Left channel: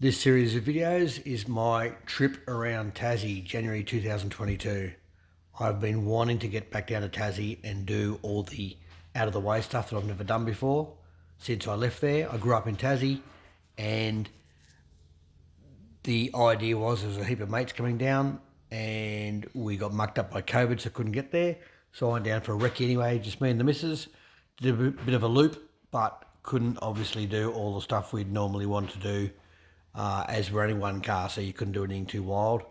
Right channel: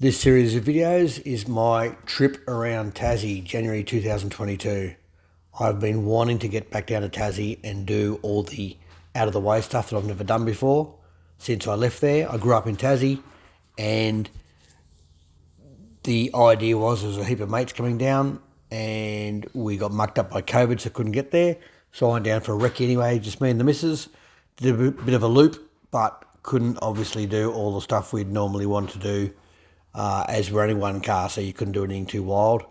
This series of videos is my trip around Tassie, January 2022. I've been wanting to get back down to Tassie and do all the out of the way stuff that I've never done before since I left there. I grew up in Tassie and the idea was there was a heap of mates coming down and we got mucked up by COVID so couldn't get there. So I went down for a recce anyway, just me and the missus. Did a bit of a loop but couldn't obviously do all the stuff we'd normally want to do. As we're only one car, so you couldn't do anything too wild,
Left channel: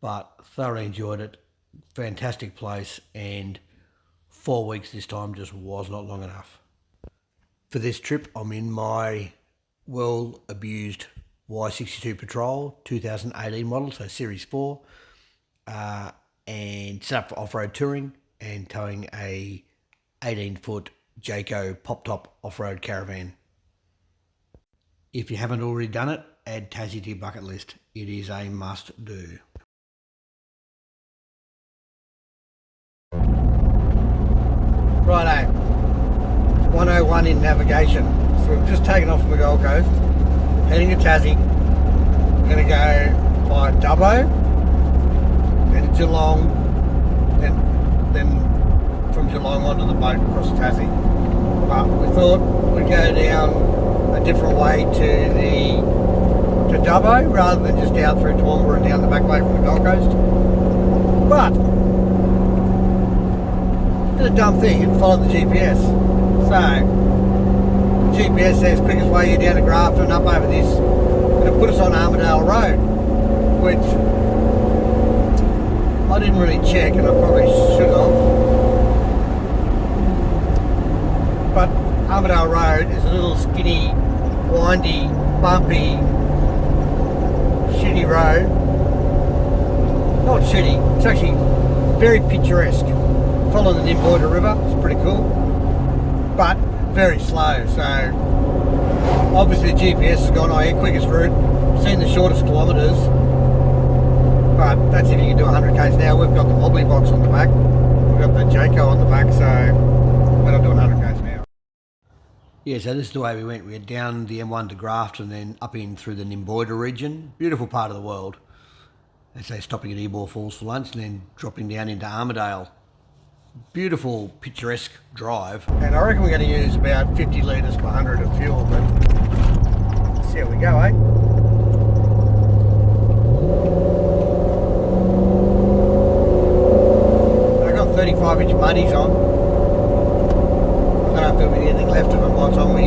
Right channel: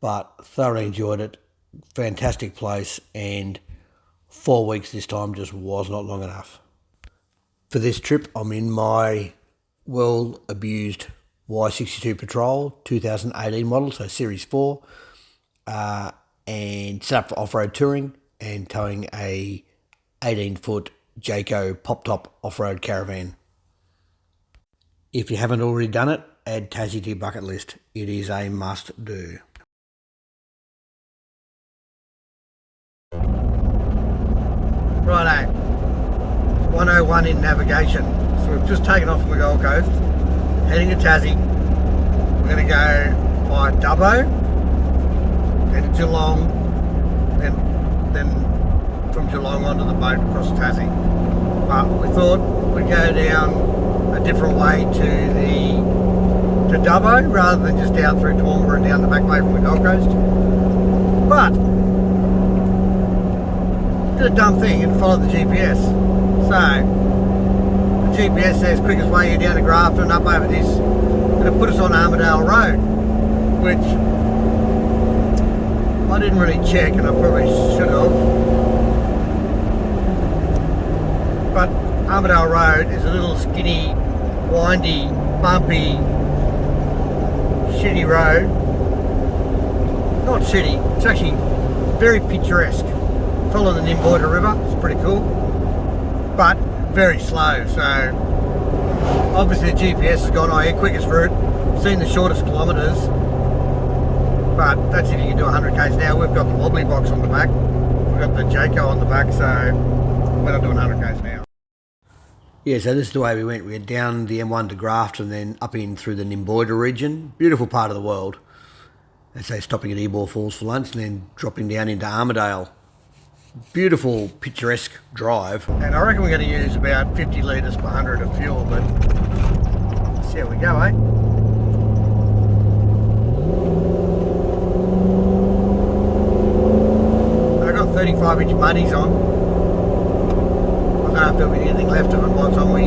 but thoroughly enjoyed it. Fantastic place, and 4 weeks this time just was not long enough. For this trip, I'm in my well-abused Y62 Patrol 2018 model, so Series 4, and set up for off-road touring and towing a 18-foot Jayco pop-top off-road caravan. If you haven't already done it, add Tassie to your bucket list. It is a must do. Righto, 101 in navigation. So we've just taken off from the Gold Coast, heading to Tassie. We're going to go by Dubbo, then Geelong, then from Geelong onto the boat across Tassie. But we thought we'd go down a different way to Dubbo rather than just out through Toowoomba and down the back way from the Gold Coast. But did a dumb thing and followed the GPS. So the GPS says quickest way here down to Grafton up over this, and it put us on Armadale Road, which I didn't really check and I probably should have. But Armadale Road is a little skinny, windy, bumpy, shitty road. Not shitty, it's actually very picturesque. Following the Nimboida River, it's pretty cool, but very slow. So obviously the GPS has gone, oh yeah, quickest route, seen the shortest kilometres, but that's if you can do 100 k's an hour. We've got the wobbly box on the back, we've got the Jayco on the back, so we're not doing 100 k's an hour. Yeah, so this is the way we went. We went down the M1 to Grafton and then up in through the Nimboida region. Beautiful part of the world. They say stopping at Ebor Falls for lunch and then dropping down into Armadale. Beautiful, picturesque drive. And I reckon we're going to use about 50 litres per 100 of fuel, but let's see how we go, eh? I've got 35-inch muddies on. I don't know if there'll be anything left of them by the time we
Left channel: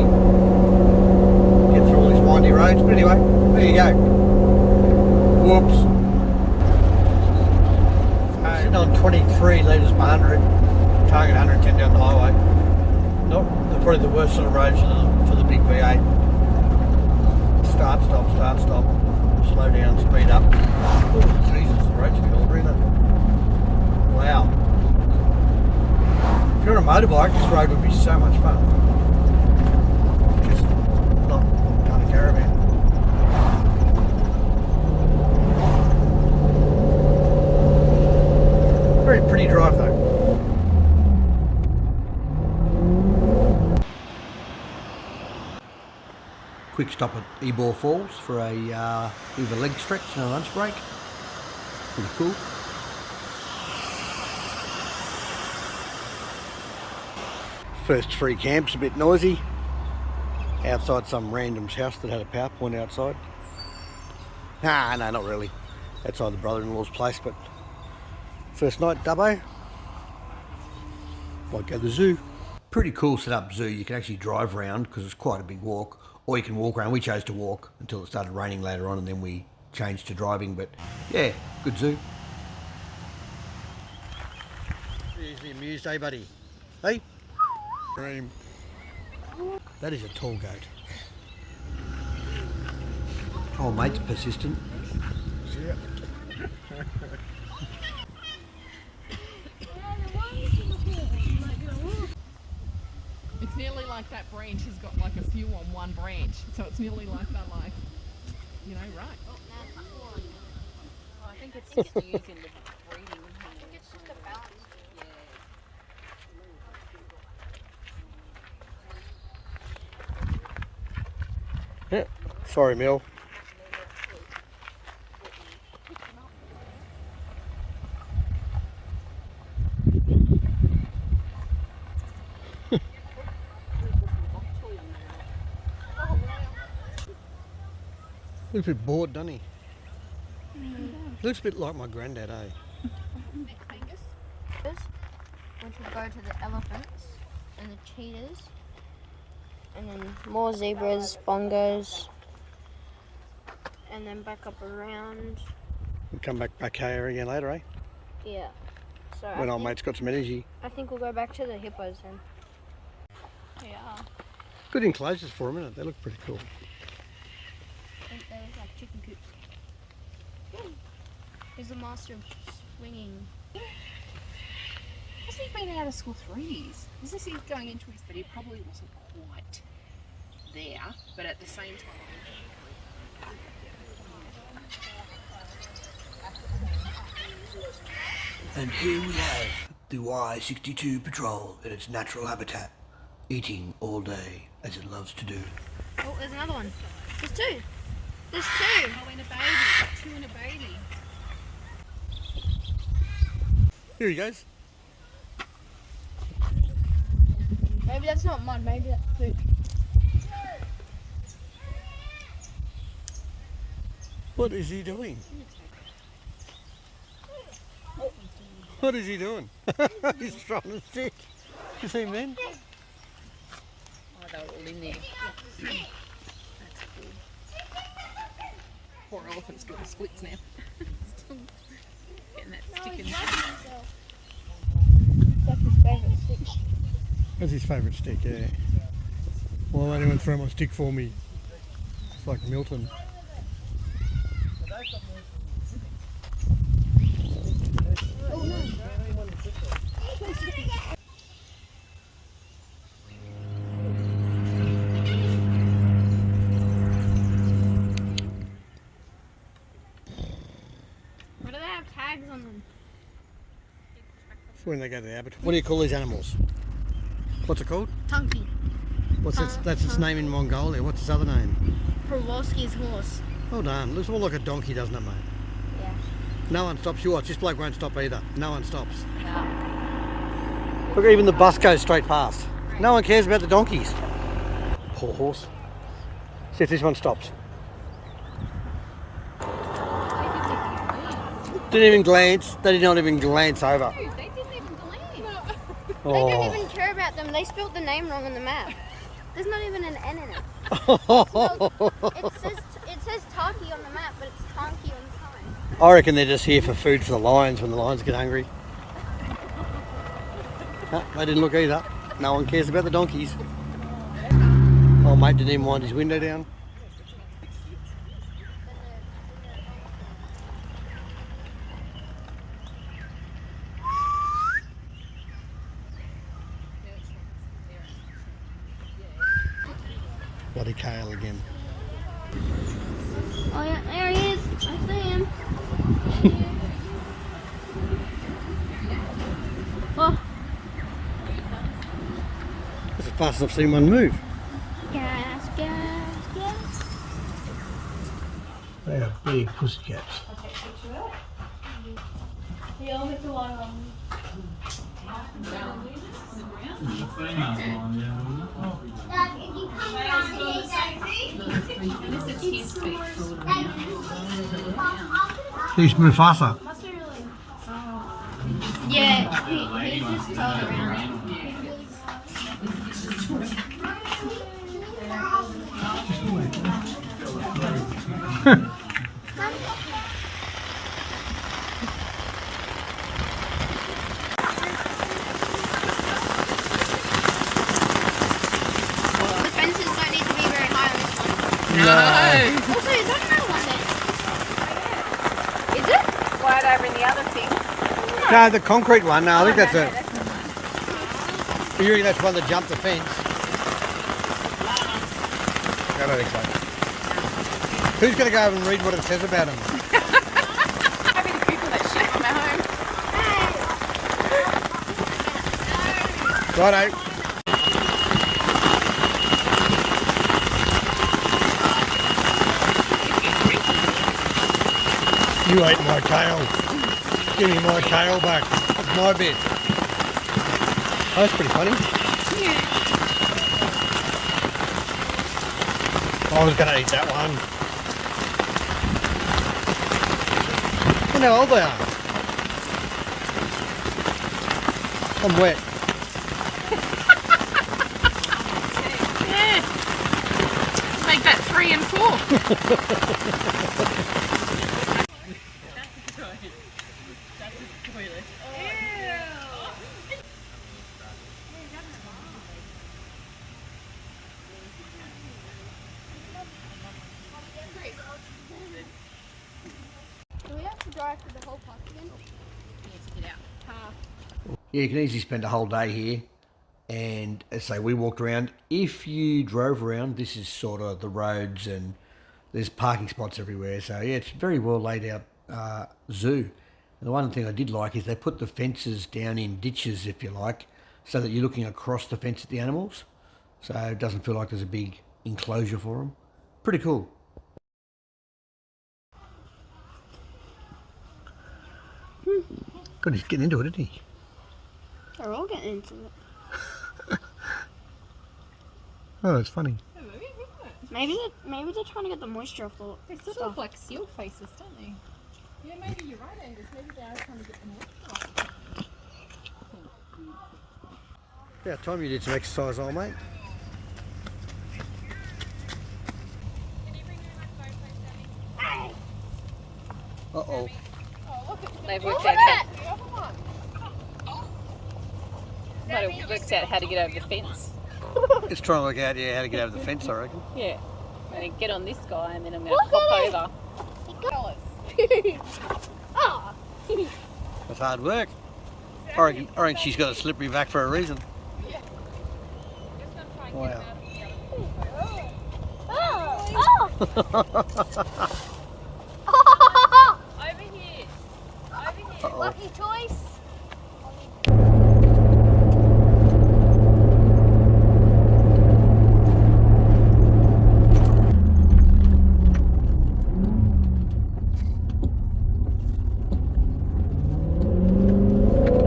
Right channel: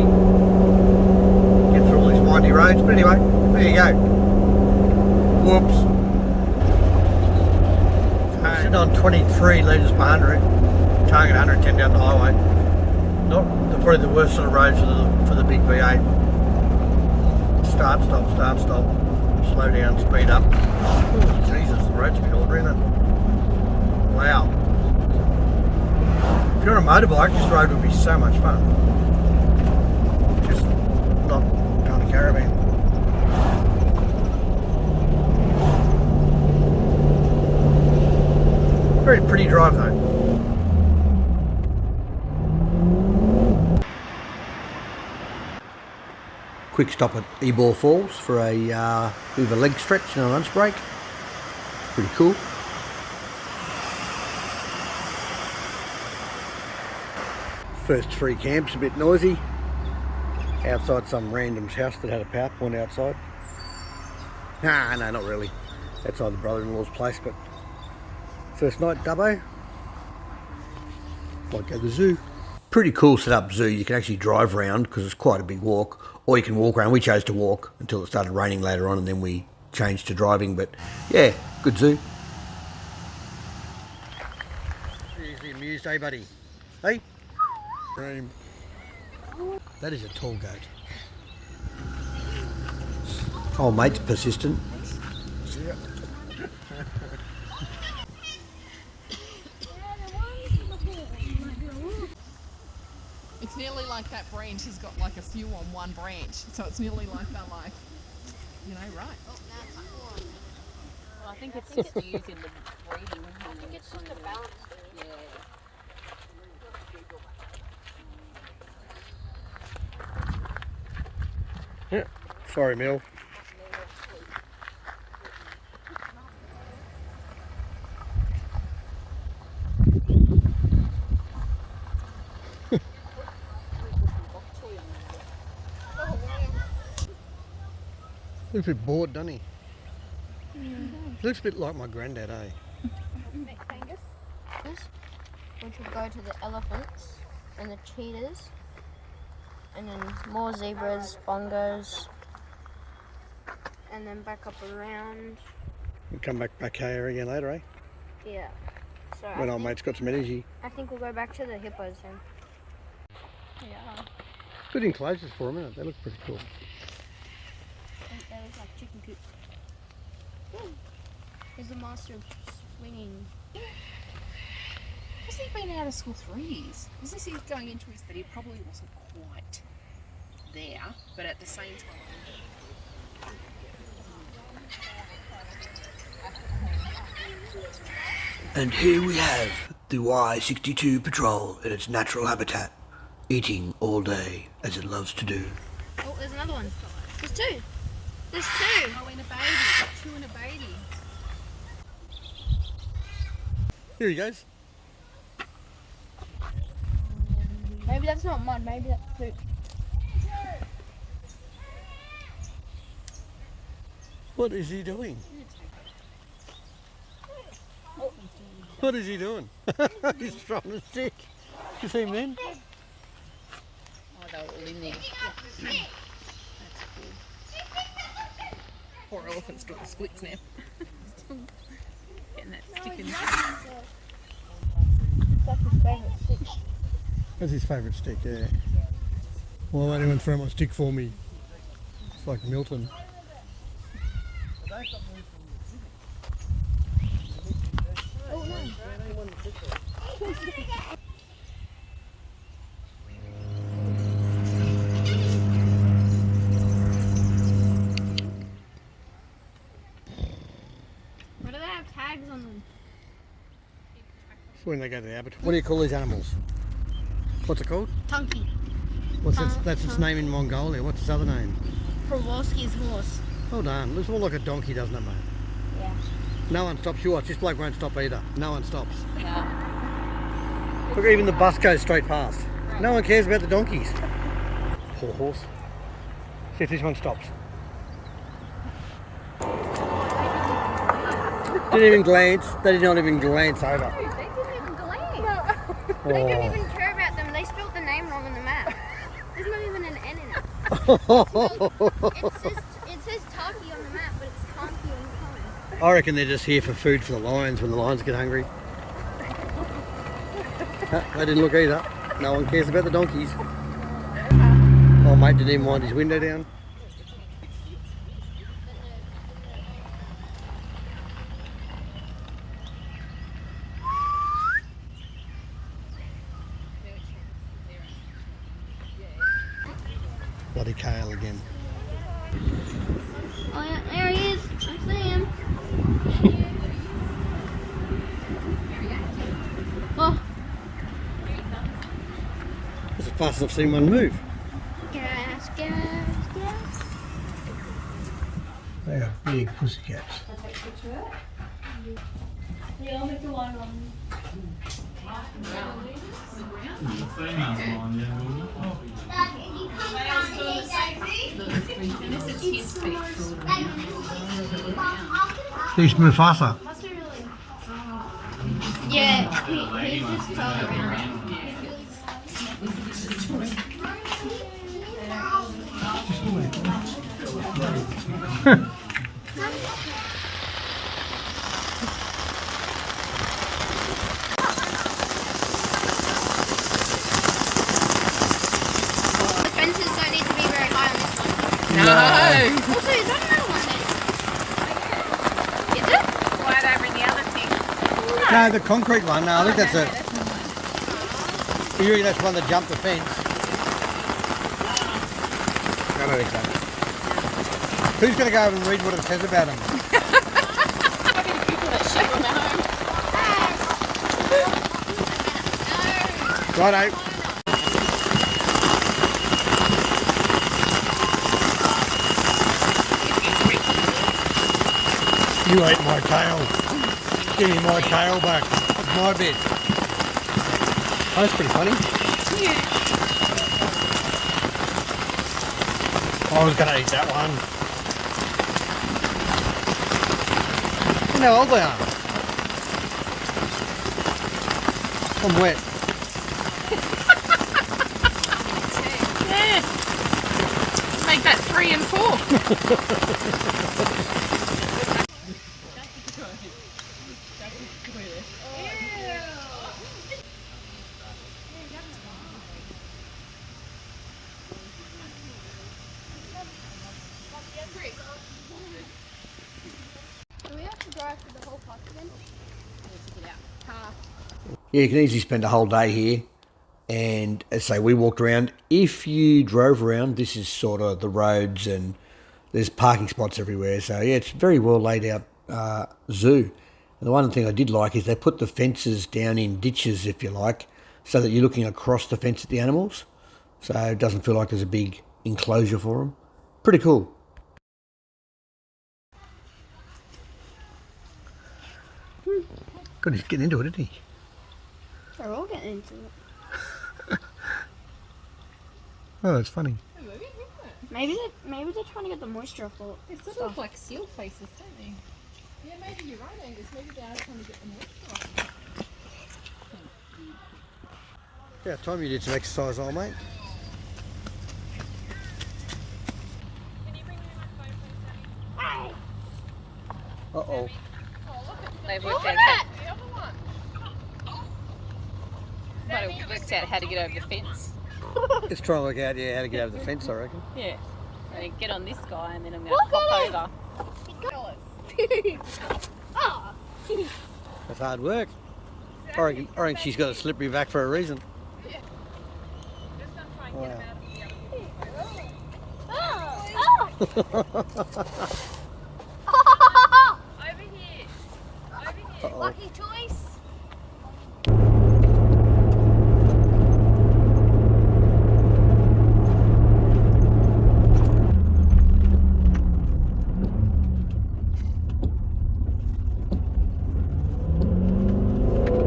get through all these windy roads, but anyway, there you go. Whoops. So I'm sitting on 23 litres per 100, target 110 down the highway. Not probably the worst sort of roads for the big V8. Start, stop, slow down, speed up. Oh Jesus, the road's a bit older, isn't it? Wow. If you're on a motorbike, this road would be so much fun. Just not on a caravan. Very pretty drive though. Quick stop at Ebor Falls for a bit of a leg stretch and a lunch break. Pretty cool. First free camp's a bit noisy. Outside some random's house that had a PowerPoint outside. Nah, no, not really. Outside the brother-in-law's place, but first night, Dubbo. Might go to the zoo. Pretty cool set up zoo. You can actually drive around because it's quite a big walk, or you can walk around. We chose to walk until it started raining later on and then we changed to driving, but yeah, good zoo. Seriously amused, eh buddy? Hey? Dream. That is a tall goat. Oh, mate's persistent. Yeah. It's nearly like that branch has got like a few on one branch, so it's nearly like that, like, you know, right? I think it's used in the breeding. I think it's just a balance. Yeah. Yeah. Sorry, Mill. Looks a bit bored, doesn't he? Looks a bit like my granddad, eh? This, which would go to the elephants and the cheetahs, and then more zebras, bongos, and then back up around. We'll come back here again later, eh? Yeah. So When old mate's got some energy. I think we'll go back to the hippos then. Yeah. Good enclosures for them, isn't it? They look pretty cool. They're like chicken coops. He's the master of swinging. Hasn't he been out of school 3 years? Isn't he going into his that he probably wasn't quite there, but at the same time. And here we have the Y62 patrol in its natural habitat, eating all day as it loves to do. Oh, there's another one. There's two. There's two. Oh, and a baby. 2 and a baby. Here he goes. Maybe that's not mud. Maybe that's poop. What is he doing? What is he doing? He's trying to stick. You see him then? Oh, they're all in there. That's cool. Poor elephant's got the splits now. Getting that sticking. That's his favourite stick. That's his favourite stick, yeah. Well, won't anyone throw my stick for me? It's like Milton. Why do they have tags on them? For when they go to the abattoir. What do you call these animals? What's it called? Tunky. What's its, that's its name in Mongolia. What's its other name? Pravorsky's horse. Well done. Looks more like a donkey, doesn't it, mate? Yeah. No one stops. You watch. This bloke won't stop either. No one stops. Look, even the bus goes straight past. No one cares about the donkeys. Poor horse. See if this one stops. Didn't even glance. They did not even glance over. They didn't even glance. They Oh. didn't even care about them. They spelled the name wrong on the map. There's not even an N in it. It says Taki on the map, but it's Tanki on the sign. I reckon they're just here for food for the lions when the lions get hungry. They didn't look either. No one cares about the donkeys. Oh, mate didn't even wind his window down. Bloody kale again. Oh, there he is. I see him. Oh. That's the fastest I've seen one move. Gas. They are big pussycats. Yeah, I'll get the one on. Who's Mufasa? Yeah, he's just around. The fences don't need to be very high. No. Also, is that how it is? Is it? Right over in the other thing. No, the concrete one. No, I think that's a. You reckon that's one that jumped the fence? I don't think so. Who's going to go over and read what it says about them? I'm going to Google that shit on my home. Righto. You ate my tail. Give me my tail back. It's my bit. Oh, that's pretty funny. I was going to eat that one. wonder how old they are. I'm wet. Yeah. Make that 3 and 4. Do we have to drive through the whole park again? Yeah, you can easily spend a whole day here. And as I say, we walked around. If you drove around, this is sort of the roads and there's parking spots everywhere. So yeah, it's a very well laid out zoo. And the one thing I did like is they put the fences down in ditches, if you like, so that you're looking across the fence at the animals. So it doesn't feel like there's a big enclosure for them. Pretty cool. God, he's getting into it, isn't he? They're all getting into it. Oh, that's funny. Maybe they're trying to get the moisture off the They sort of look like seal faces, don't they? Yeah, maybe you're right, Angus. Maybe they are trying to get them off. Yeah, time you did some exercise, old mate. Uh-oh. They've worked out how to get over the fence. It's trying to work out, yeah, how to get over the fence, I reckon. Yeah. I'm going to get on this guy and then I'm going to hop over. That's hard work. I reckon she's got a slippery back for a reason. Wow. Over here. Uh-oh. Lucky choice.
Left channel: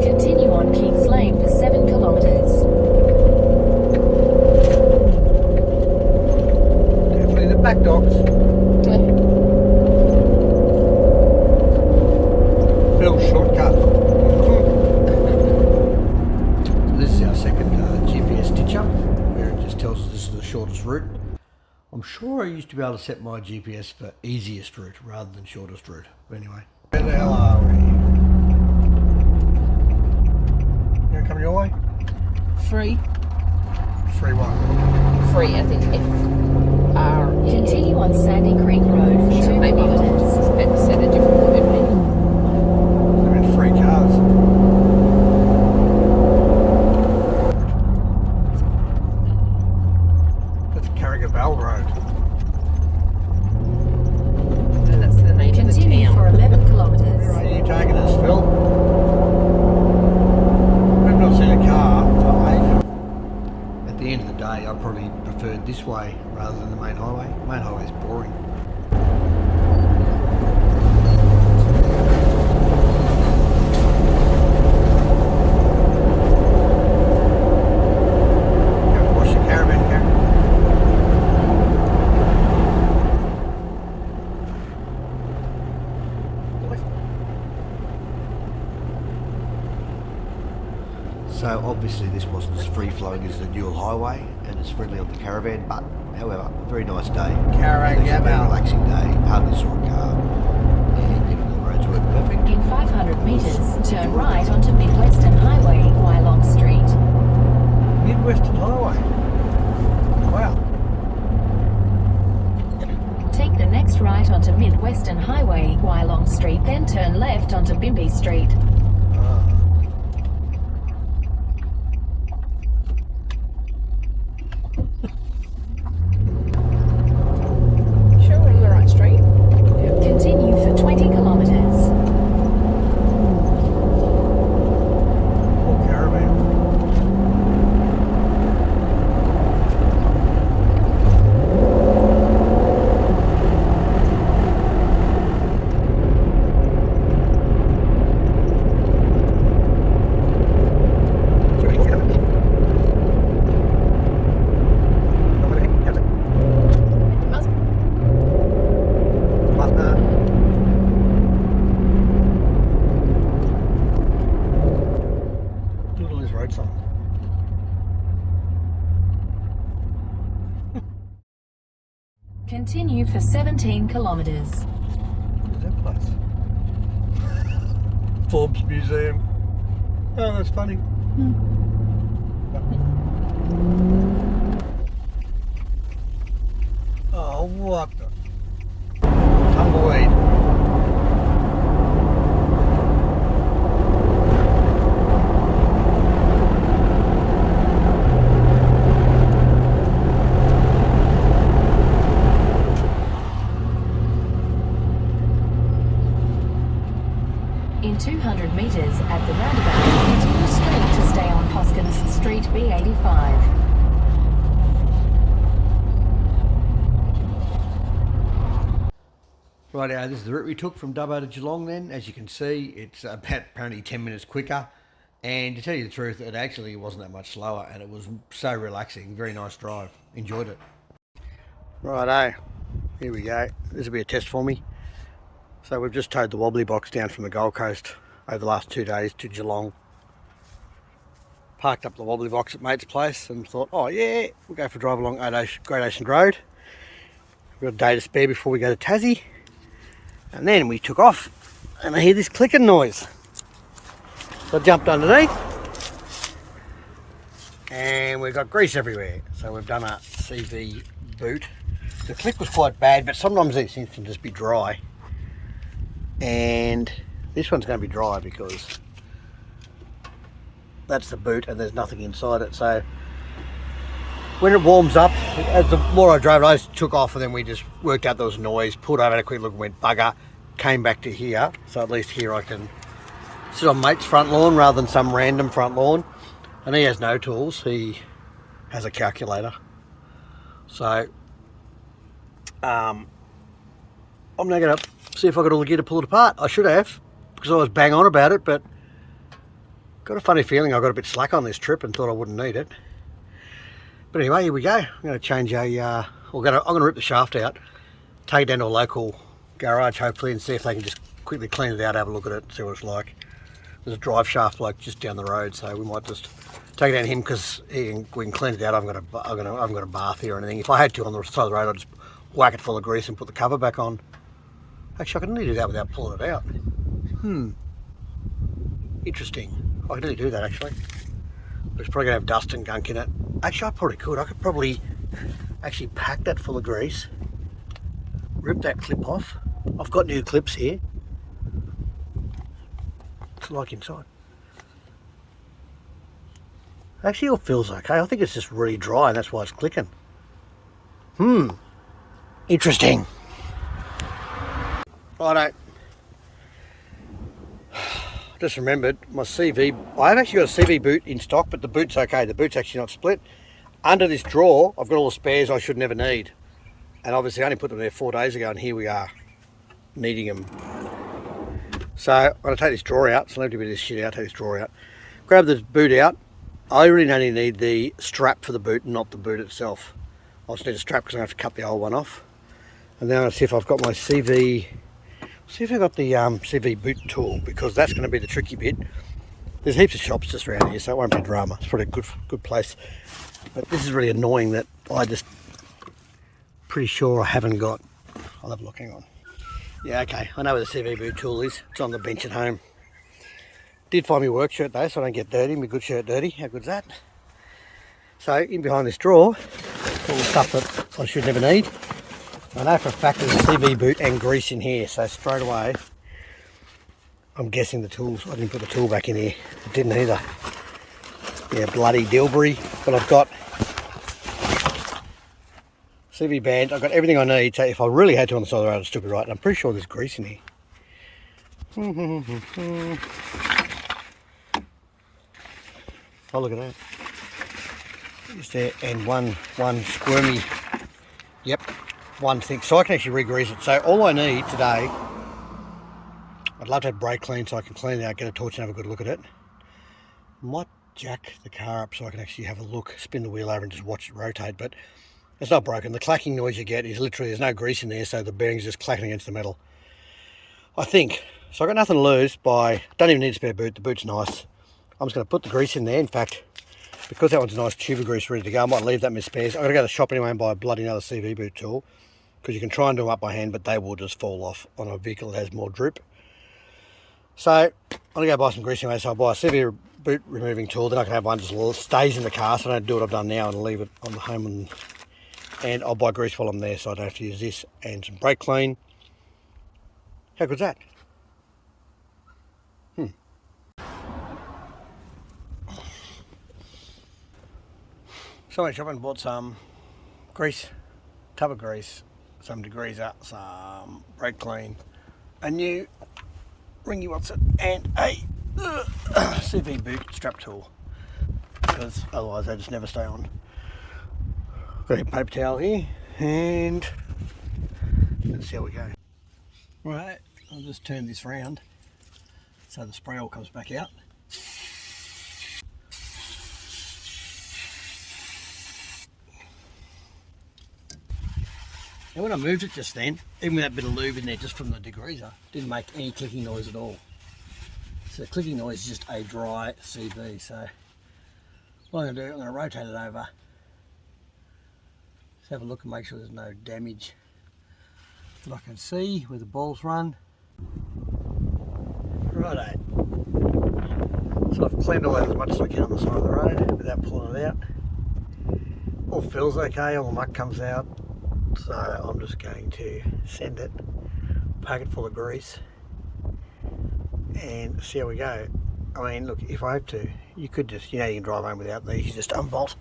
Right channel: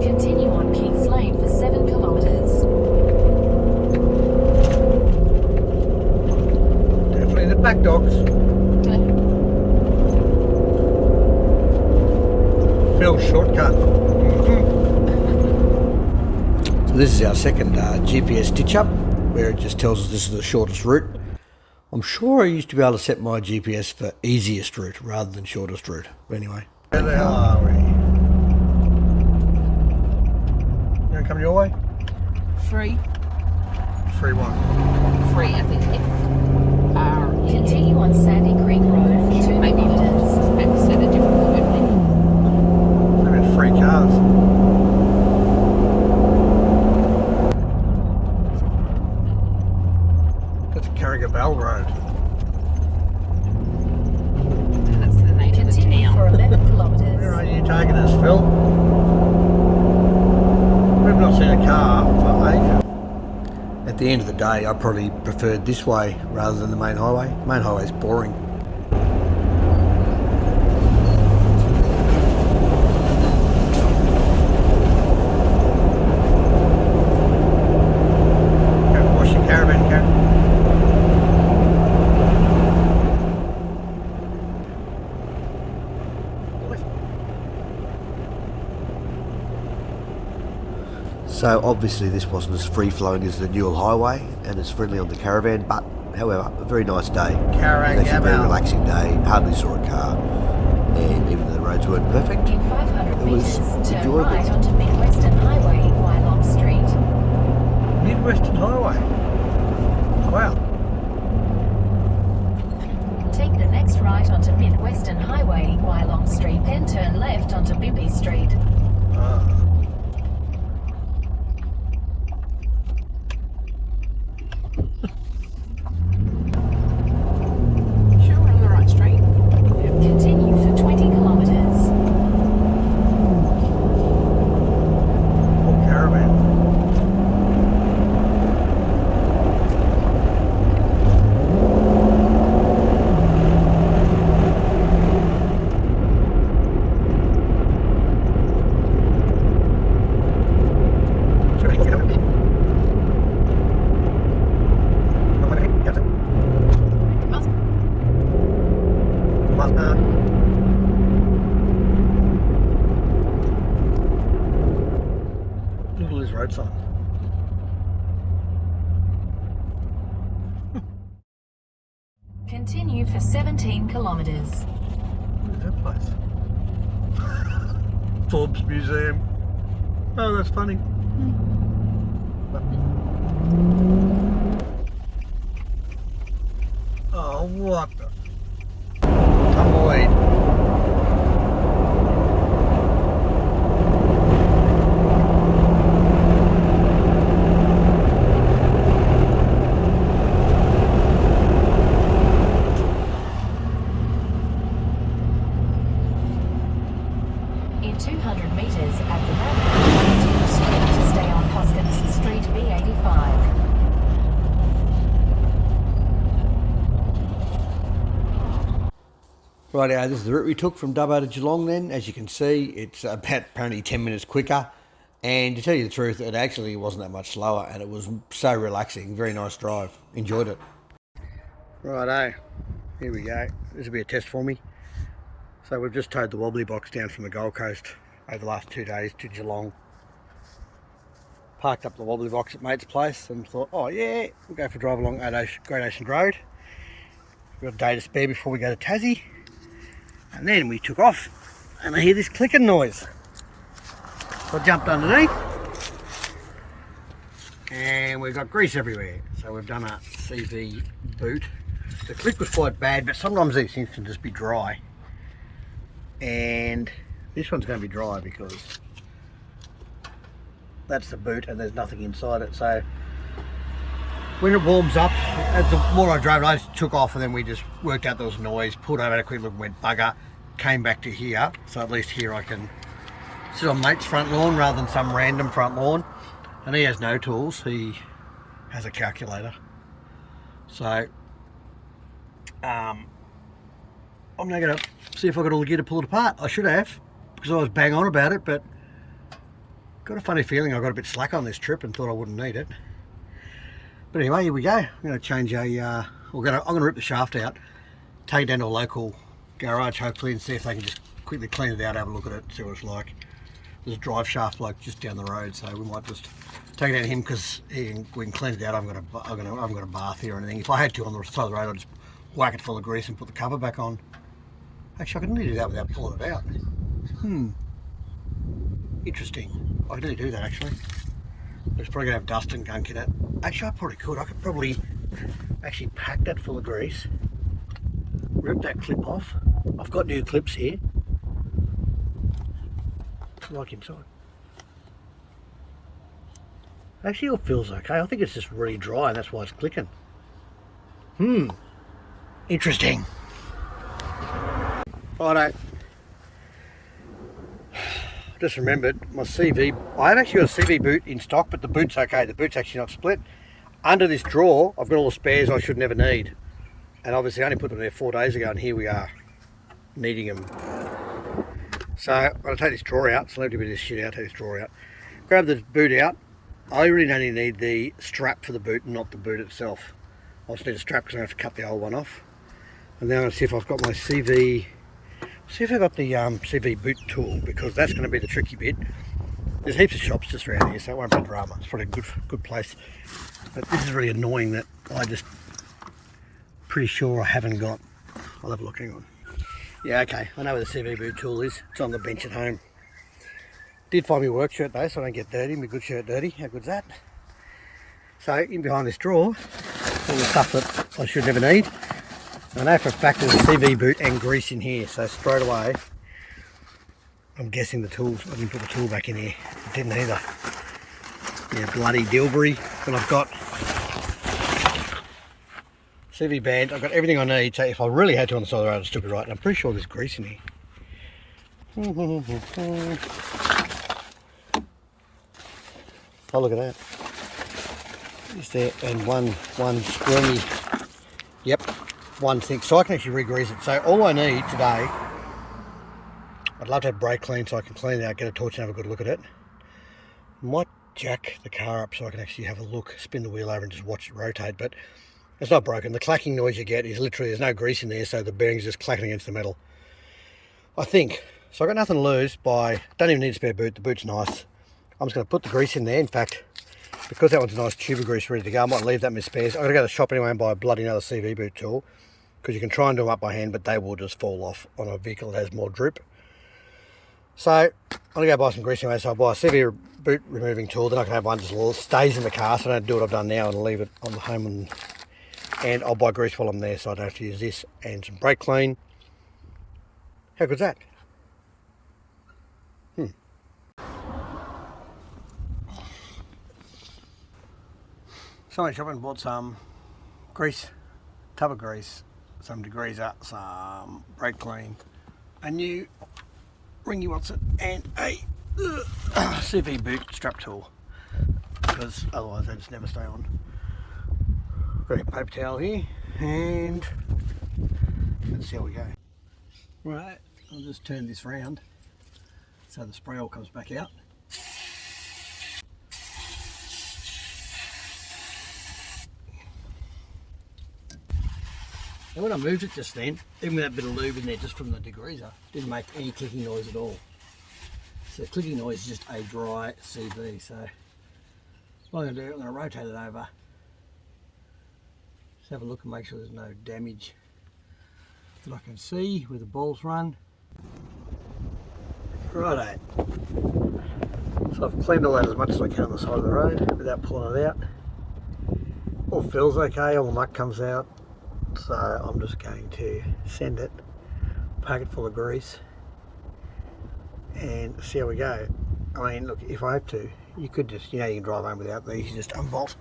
Continue on Keith's Lane for 7 kilometres. Definitely the back dogs. Phil shortcut. So this is our second GPS stitch up, where it just tells us this is the shortest route. I'm sure I used to be able to set my GPS for easiest route rather than shortest route. But anyway. Where the hell are we? You want to come your way? Free. Free what? Free as in F-R. Continue on Sandy Creek Road for 2 Maybe I'll kilometres. said a different word. I mean, free cars. That's Carrigabbal Road. That's the name of the Continue town. for 11 kilometres. Where are you taking us, Phil? We've not seen a car for ages. At the end of the day, I probably preferred this way rather than the main highway. Main highway's boring. Go wash your caravan, Karen. So obviously this wasn't as free-flowing as the Newell Highway and as friendly on the caravan, but however, a very nice day. It was actually a very relaxing day, hardly saw a car, and even though the roads weren't perfect, In 500 it was metres, turn enjoyable. right onto Midwestern Highway, Geelong Street. Midwestern Highway. Wow. Take the next right onto Midwestern Highway, Geelong Street, then turn left onto Bimby Street. Sure we're on the right street? Continue for 20 kilometres. Poor caravan. for 17 kilometres. What is that place? Forbes Museum. Oh, that's funny. Oh, what the tumbleweed. In 200 metres at the roundabout, continue straight to stay on Hoskins Street B85. Rightio, this is the route we took from Dubbo to Geelong then. As you can see, it's about apparently 10 minutes quicker. And to tell you the truth, it actually wasn't that much slower and it was so relaxing. Very nice drive. Enjoyed it. Righto, here we go. This will be a test for me. So we've just towed the wobbly box down from the Gold Coast over the last 2 days to Geelong. Parked up the wobbly box at mate's place and thought, oh yeah, we'll go for a drive along Great Ocean Road. We've got a day to spare before we go to Tassy. And then we took off and I hear this clicking noise. So I jumped underneath and we've got grease everywhere. So we've done a CV boot. The click was quite bad, but sometimes these things can just be dry. And this one's going to be dry because that's the boot and there's nothing inside it. So when it warms up, as the more I drove it, I just took off and then we just worked out there was noise, pulled over, had a quick look and went bugger, came back to here. So at least here I can sit on mate's front lawn rather than some random front lawn. And he has no tools, he has a calculator. So I'm now going to see if I got all the gear to pull it apart. I should have, because I was bang on about it, but got a funny feeling I got a bit slack on this trip and thought I wouldn't need it. But anyway, here we go. I'm going to change I'm going to rip the shaft out, take it down to a local garage hopefully and see if they can just quickly clean it out, have a look at it, see what it's like. There's a drive shaft like just down the road, so we might just take it down to him because we can clean it out. I haven't got a bath here or anything. If I had to on the side of the road, I'd just whack it full of grease and put the cover back on. Actually, I can nearly do that without pulling it out. Interesting. I can nearly do that actually. But it's probably going to have dust and gunk in it. Actually, I probably could. I could probably actually pack that full of grease, rip that clip off. I've got new clips here. What's it like inside? Actually, it feels okay. I think it's just really dry and that's why it's clicking. Interesting. Righto. Just remembered my CV. I've actually got a CV boot in stock, but the boot's okay. The boot's actually not split. Under this drawer, I've got all the spares I should never need. And obviously I only put them there 4 days ago and here we are, needing them. So I'm going to take this drawer out. So let me do this shit out, take this drawer out. Grab the boot out. I really only need the strap for the boot, not the boot itself. I just need a strap because I have to cut the old one off. And then I'm going to see if I've got my CV. See if I've got the CV boot tool, because that's going to be the tricky bit. There's heaps of shops just around here, so it won't be drama. It's probably a good place. But this is really annoying that I just pretty sure I haven't got. I'll have a look, hang on. Yeah, okay, I know where the CV boot tool is. It's on the bench at home. Did find my work shirt though, so I don't get dirty. My good shirt dirty. How good's that? So in behind this drawer, all the stuff that I should never need. I know for a fact there's a CV boot and grease in here, so straight away I'm guessing the tools. I didn't put the tool back in here. It didn't either. Yeah, bloody Dilbury. But I've got CV band. I've got everything I need. So if I really had to on the side of the road, I'd still be right. And I'm pretty sure there's grease in here. Oh, look at that. Is there? And one squirmy. Yep. One thing, so I can actually re-grease it. So all I need today, I'd love to have brake clean so I can clean it out, get a torch and have a good look at it. Might jack the car up so I can actually have a look, spin the wheel over and just watch it rotate, but it's not broken. The clacking noise you get is literally, there's no grease in there, so the bearing's just clacking against the metal, I think. So I've got nothing to lose by, don't even need a spare boot, the boot's nice. I'm just going to put the grease in there. In fact, because that one's a nice tube of grease ready to go, I might leave that in my spares. I've got to go to the shop anyway and buy a bloody another CV boot tool, because you can try and do them up by hand, but they will just fall off on a vehicle that has more drip. So I'm going to go buy some grease anyway, so I'll buy a severe boot removing tool, then I can have one just stays in the car, so I don't do what I've done now and leave it on the home, and I'll buy grease while I'm there so I don't have to use this, and some brake clean. How good's that? So I went shopping and bought some grease, tub of grease, some degreaser, some brake clean, a new ringy and a CV boot strap tool, because otherwise they just never stay on. Got a paper towel here, and let's see how we go. Right, I'll just turn this round so the spray all comes back out. And when I moved it just then, even with that bit of lube in there just from the degreaser, didn't make any clicking noise at all. So the clicking noise is just a dry CV. So what I'm going to do, I'm going to rotate it over. Just have a look and make sure there's no damage that I can see where the balls run. Righto. So I've cleaned all that as much as I can on the side of the road without pulling it out. All feels okay, all the muck comes out. So I'm just going to send it, pack it full of grease, and see how we go. I mean, look, if I have to, you could just, you can drive home without these. You just unbolt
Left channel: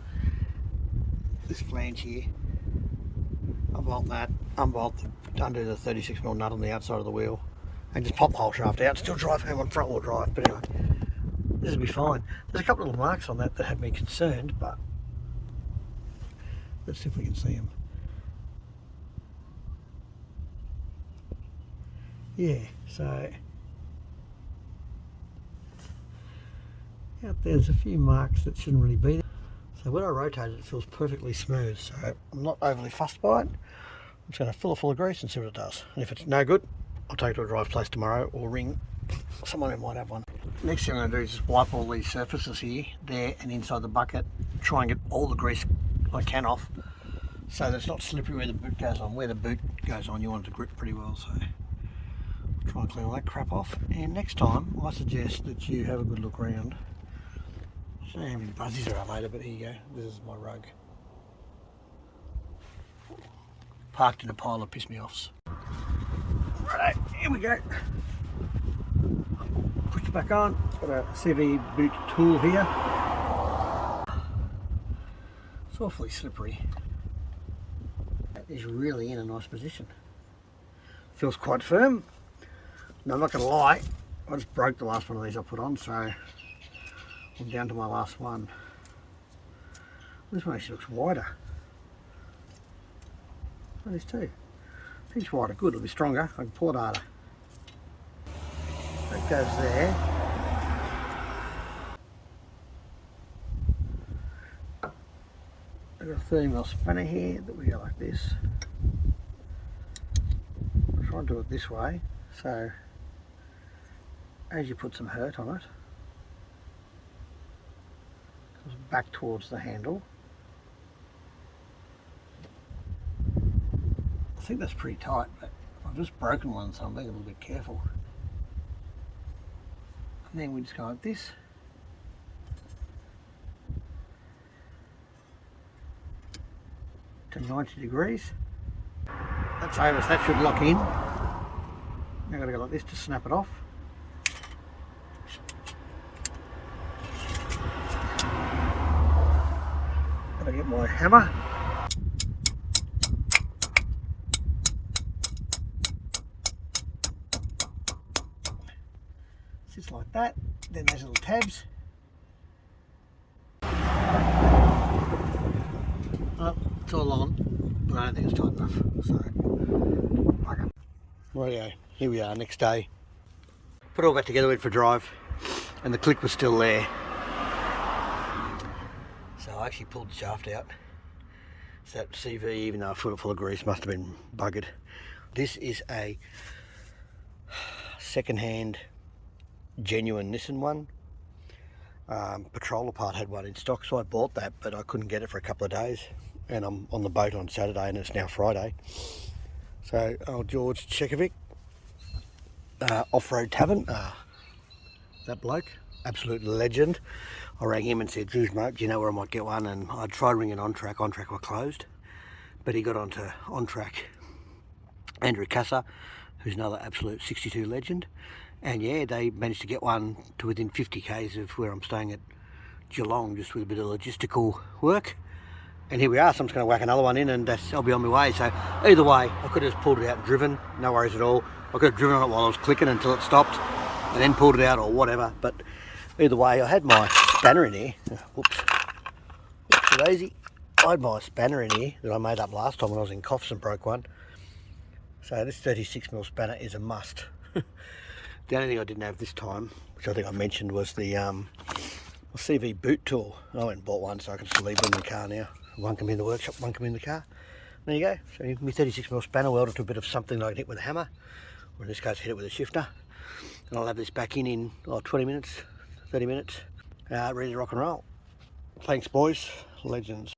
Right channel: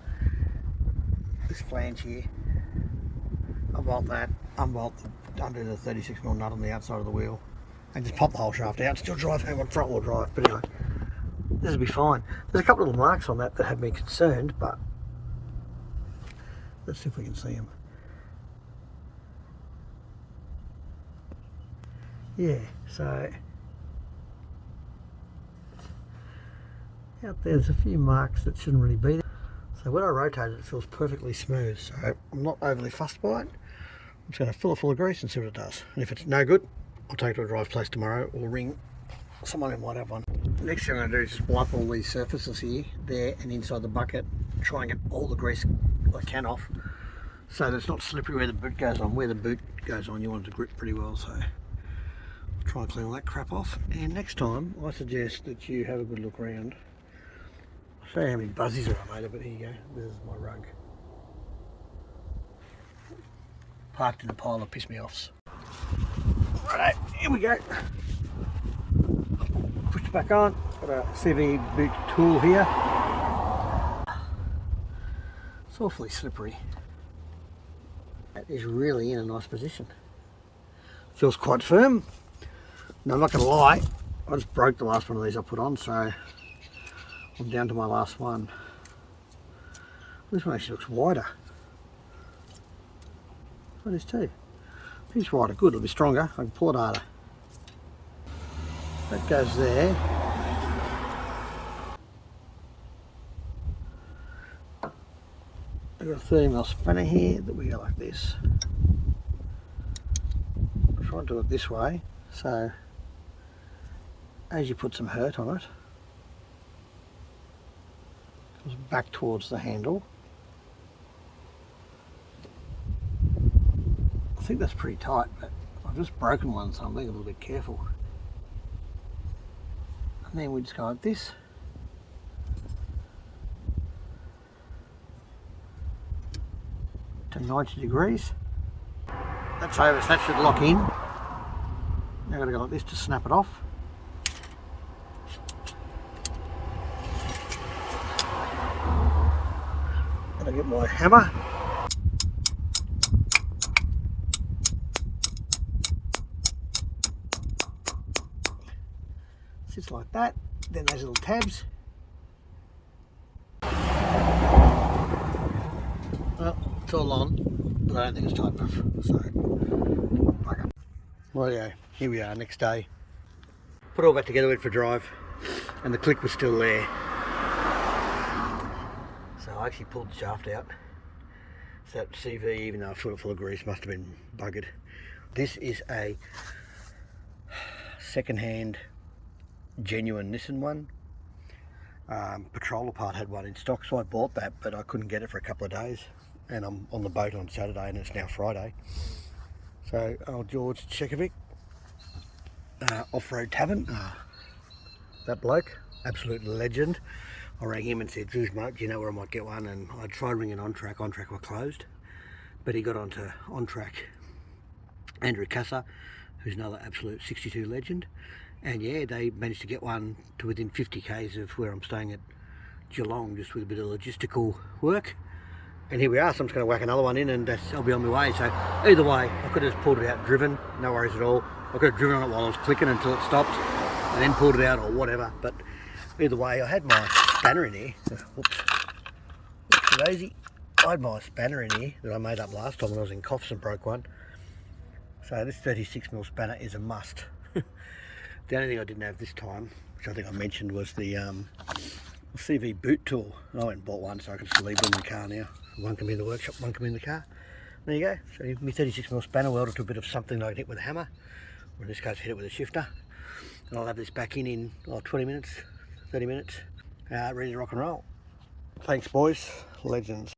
this flange here, unbolt that, undo the 36mm nut on the outside of the wheel, and just pop the whole shaft out. Still drive home on front wheel drive, but anyway, this will be fine. There's a couple of little marks on that have me concerned, but let's see if we can see them. Yeah, so out there's a few marks that shouldn't really be there. So when I rotate it, it feels perfectly smooth. So I'm not overly fussed by it. I'm just going to fill it full of grease and see what it does. And if it's no good, I'll take it to a drive place tomorrow or ring someone who might have one. Next thing I'm going to do is just wipe all these surfaces here, there and inside the bucket. Try and get all the grease I can off so that it's not slippery where the boot goes on. Where the boot goes on, you want it to grip pretty well. So try and clean all that crap off, and next time I suggest that you have a good look around. I'll show you how many buzzies are on later, but here you go, this is my rug. Parked in a pile of piss me offs. Righto, here we go. Push it back on, got a CV boot tool here. It's awfully slippery. That is really in a nice position. Feels quite firm. Now, I'm not going to lie, I just broke the last one of these I put on, so I'm down to my last one. This one actually looks wider. That is too. It's wider, good, it'll be stronger, I can pull it harder. That goes there. I've got a 30mm spanner here that we go like this. I'll try and do it this way, so as you put some hurt on it, it goes back towards the handle. I think that's pretty tight, but I've just broken one, so I'm being a little bit careful. And then we just go like this. To 90 degrees. That's over, so that should lock in. Now I've got to go like this to snap it off. I'll get my hammer. Sits like that. Then those little tabs. Well, it's all on, but I don't think it's tight enough. So, bugger. Rightio, here we are, next day. Put it all back together, went for a drive, and the click was still there. So I actually pulled the shaft out. So that CV, even though I filled it full of grease, must have been buggered. This is a second-hand, genuine Nissan one. Patroller part had one in stock, so I bought that, but I couldn't get it for a couple of days. And I'm on the boat on Saturday, and it's now Friday. So old George Chekovic, Off-Road Tavern, that bloke, absolute legend. I rang him and said, geez mate, do you know where I might get one? And I tried ringing On Track were closed, but he got onto On Track Andrew Casa, who's another absolute 62 legend, and yeah, they managed to get one to within 50 k's of where I'm staying at Geelong, just with a bit of logistical work. And here we are, so I'm just going to whack another one in and I'll be on my way. So either way, I could have just pulled it out and driven, no worries at all. I could have driven on it while I was clicking until it stopped and then pulled it out or whatever. But either way, I had my spanner in here. Whoops. Too lazy. I had my spanner in here that I made up last time when I was in Coffs and broke one. So this 36mm spanner is a must. The only thing I didn't have this time, which I think I mentioned, was the CV boot tool. I went and bought one so I can just leave one in the car now. One can be in the workshop, one can be in the car. There you go. So my 36mm spanner welded to a bit of something that I can hit with a hammer, or in this case hit it with a shifter. And I'll have this back in 20 minutes, 30 minutes, ready to rock and roll. Thanks boys, legends.